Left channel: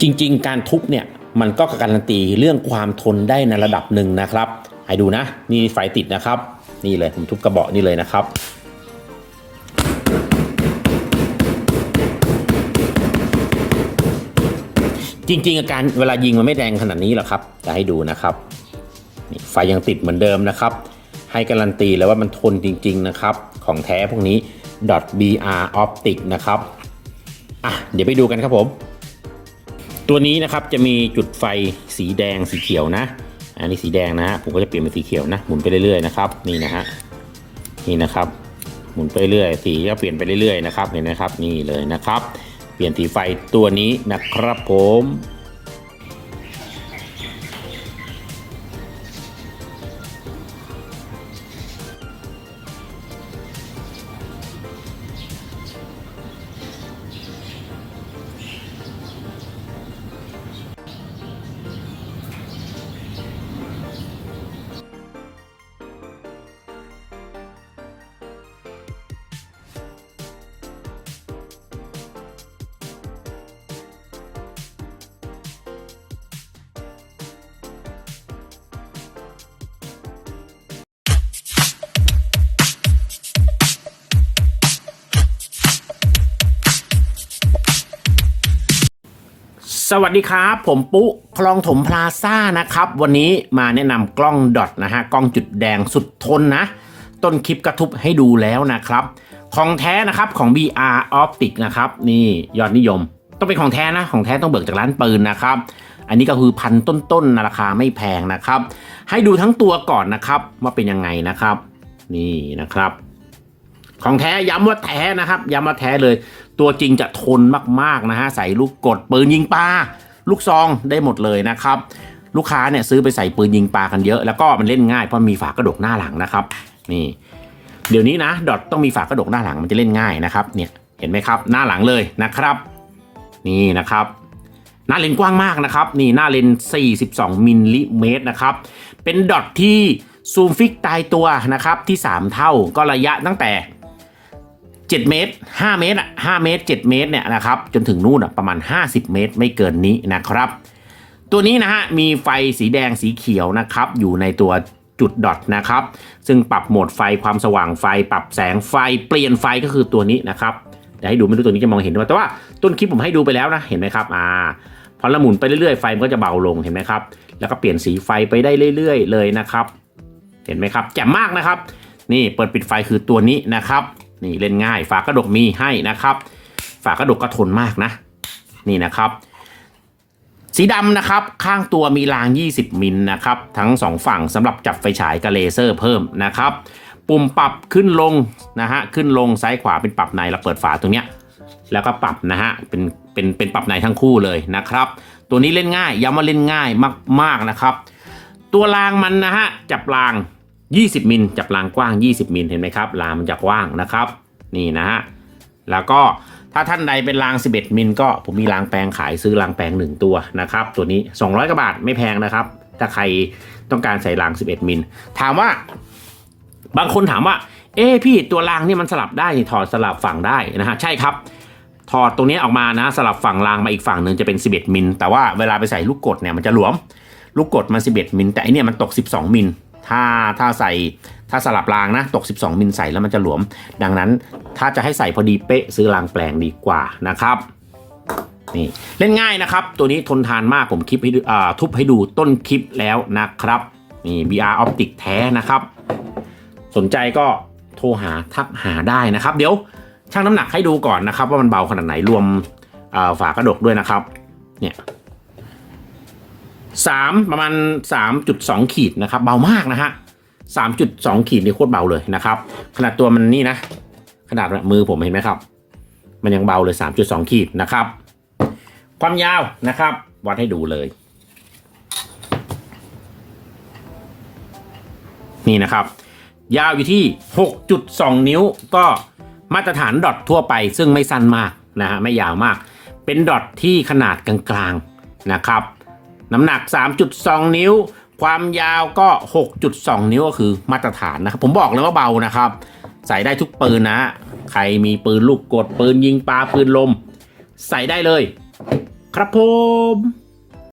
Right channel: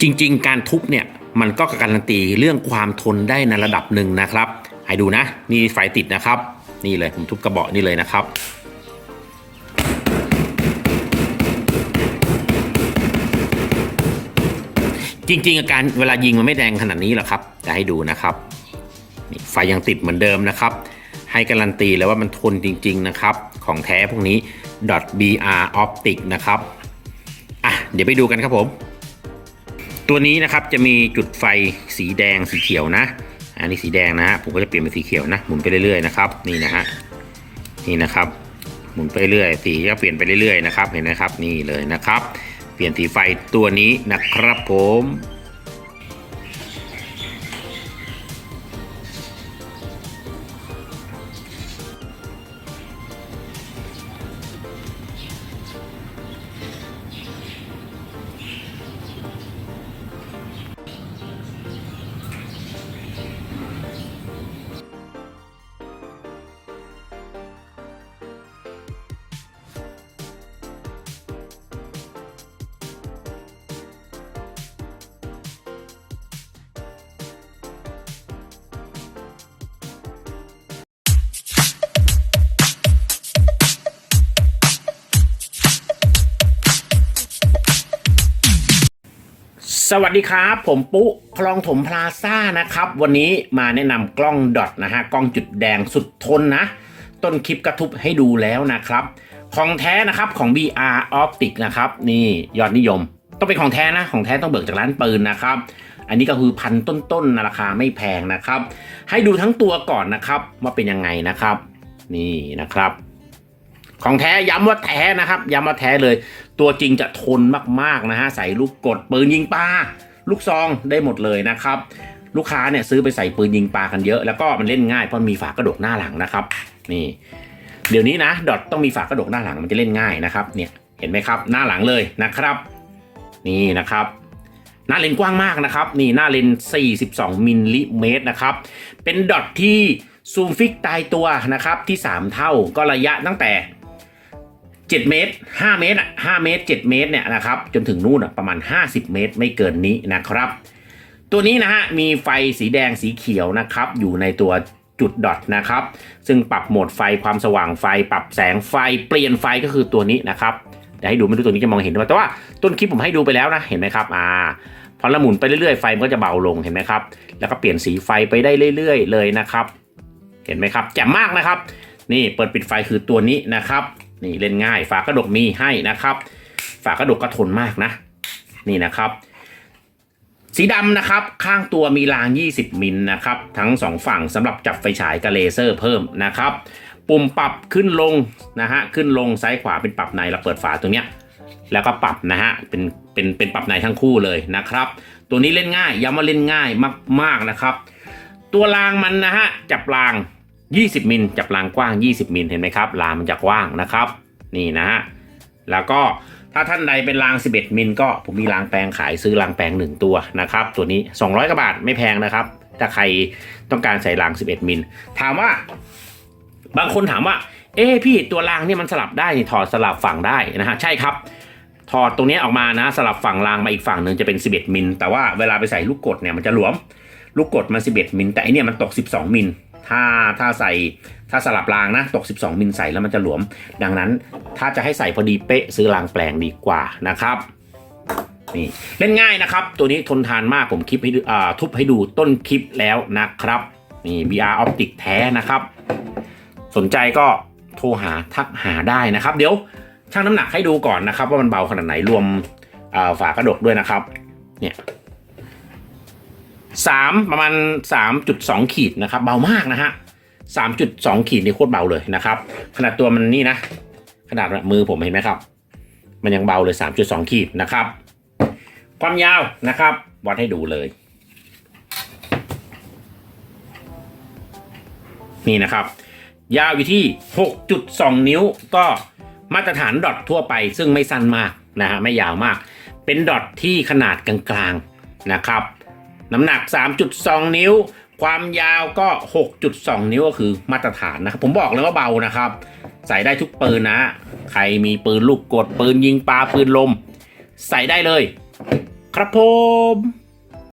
จริง ๆ การทุบเนี่ยมันก็การันตีเรื่องความทนได้ในระดับหนึ่งนะครับ ให้ดูนะ นี่ไฟติดนะครับ นี่เลยผมทุบกระบอกนี่เลยนะครับจริงๆอาการเวลายิงมันไม่แดงขนาดนี้หรอกครับ จะให้ดูนะครับนี่ไฟยังติดเหมือนเดิมนะครับ ให้การันตีเลยว่ามันทนจริง ๆ นะครับ ของแท้พวกนี้ .br optic นะครับ อะ เดี๋ยวไปดูกันครับผม ตัวนี้นะครับจะมีจุดไฟสีแดงสีเขียวนะ อันนี้สีแดงนะฮะผมก็จะเปลี่ยนเป็นสีเขียวนะหมุนไปเรื่อยๆนะครับนี่นะฮะนี่นะครับ หมุนไปเรื่อยสีก็เปลี่ยนไปเรื่อยๆนะครับเห็นไหมครับนี่เลยนะครับ เปลี่ยนสีไฟตัวนี้นะครับผม สวัสดีครับ ผมปุ๊คลองถมพลาซ่านะครับ วันนี้มาแนะนำกล้องดอทนะฮะกล้องจุดแดงสุดทนนะ ต้นคลิปกระทุบให้ดูแล้วนะครับ ของแท้นะครับของ BR Optic นะครับ นี่ยอดนิยม ต้องเป็นของแท้นะ ของแท้ต้องเบิกจากร้านปืนนะครับ อันนี้ก็คือพันต้นๆนะราคาไม่แพงนะครับ ให้ดูทั้งตัวก่อนนะครับว่าเป็นยังไงนะครับ นี่นะครับ ของแท้ย้ำว่าแท้นะครับย้ำว่าแท้เลย ตัวจริงจะทนมากๆนะฮะใส่ลูกกดปืนยิงปลาลูกซองได้หมดเลยนะครับ ลูกค้าเนี่ยซื้อไปใส่ปืนยิงปลากันเยอะ แล้วก็มันเล่นง่ายเพราะมีฝากระดกหน้าหลังนะครับ นี่ เดี๋ยวนี้นะ ดอทต้องมีฝากระดกหน้าหลังมันจะเล่นง่ายนะครับ เนี่ยเห็นไหมครับ หน้าหลังเลยนะครับ นี่นะครับหน้าเลนกว้างมากนะครับ นี่หน้าเลน 42 มิลลิเมตรนะครับ เป็นดอทที่ซูมฟิกตายตัวนะครับที่ 3 เท่าก็ระยะตั้งแต่ 7 เมตร 5 เมตรอะ5เมตร 7 เมตรเนี่ยนะครับจนถึงนู่นอะประมาณ 50 เมตรไม่เกินนี้นะครับ ตัวนี้นะฮะมีไฟสีแดงสีเขียวนะครับอยู่ในตัวจุดดอทนะครับซึ่งปรับโหมดไฟความสว่างไฟ ปรับแสงไฟเปลี่ยนไฟก็คือตัวนี้นะครับเดี๋ยวให้ดูไม่รู้ตัวนี้จะมองเห็นหรือเปล่าแต่ว่าต้นคลิปผมให้ดูไปแล้วนะเห็นไหมครับอ่าพอละหมุนไปเรื่อยๆไฟมันก็จะเบาลงเห็นไหมครับ แล้วก็เปลี่ยนสีไฟไปได้เรื่อย ๆ เลยนะครับ เห็นไหมครับแจ่มมากนะครับ นี่เปิดปิดไฟคือตัวนี้นะครับ นี่เล่นง่าย ฝากระดกมีให้นะครับ ฝากระดกก็ทนมากนะ นี่นะครับ สีดำนะครับ ข้างตัวมีราง 20 มิลนะครับ ทั้งสองฝั่งสำหรับจับไฟฉายกับเลเซอร์เพิ่มนะครับ ปุ่มปรับขึ้นลงนะฮะขึ้นลงซ้ายขวาเป็นปรับในเราเปิดฝาตรงเนี้ยแล้วก็ปรับนะฮะ เป็น เป็น เป็นปรับในทั้งคู่เลยนะครับ ตัวนี้เล่นง่ายย้ำว่าเล่นง่ายมาก ๆ นะครับ ตัวรางมันนะฮะ จับราง 20 มิลจับรางกว้าง 20 มิลเห็นไหมครับรางมันจะกว้างนะครับ นี่นะฮะแล้วก็ถ้าท่านใดเป็นราง 11 มิลก็ผมมีรางแปลงขายซื้อรางแปลง 1 ตัวนะครับ ตัวนี้ 200กว่าบาทไม่แพงนะครับ ถ้าใครต้องการใส่ราง 11 มิลถามว่า บางคนถามว่า เอ้พี่ตัวรางเนี่ยมันสลับได้ถอดสลับฝั่งได้นะฮะใช่ครับถอดตรงนี้ออกมานะสลับฝั่งรางมาอีกฝั่งหนึ่งจะเป็น 11 มิลแต่ว่าเวลาไปใส่ลูกกดเนี่ยมันจะหลวม ลูกกดมา 11 มิลแต่อันเนี้ยมันตก 12 มิล ถ้าถ้าใส่ถ้าสลับรางนะตก 12 มิลใส่แล้วมันจะหลวม ดังนั้นถ้าจะให้ใส่พอดีเป๊ะซื้อรางแปลงดีกว่านะครับนี่เล่นง่ายนะครับ ตัวนี้ทนทานมากผมคลิปให้ดูอ่ทุบให้ดูต้นคลิปแล้วนะครับนี่ VR Optic แท้นะครับ สนใจก็โทรหาทักหาได้นะครับ เดี๋ยวชั่งน้ำหนักให้ดูก่อนนะครับ ว่ามันเบาขนาดไหนรวมฝากระดกด้วยนะครับ เนี่ย สามประมาณสามจุดสองขีดนะครับเบามากนะฮะสามจุดสองขีดนี่โคตรเบาเลยนะครับ ขนาดตัวมันนี่นะ ขนาดมือผมเห็นไหมครับ มันยังเบาเลยสามจุดสองขีดนะครับ ความยาวนะครับ วัดให้ดูเลย นี่นะครับ ยาวอยู่ที่ 6.2 นิ้วก็มาตรฐานดอททั่วไป ซึ่งไม่สั้นมากนะฮะไม่ยาวมาก เป็นดอทที่ขนาดกลางๆนะครับ น้ำหนัก 3.2 นิ้ว ความยาวก็ 6.2 นิ้วก็คือมาตรฐานนะครับผมบอกเลยว่าเบานะครับ ใส่ได้ทุกปืนนะ ใครมีปืนลูกกดปืนยิงปลาปืนลม ใส่ได้เลย ครับผม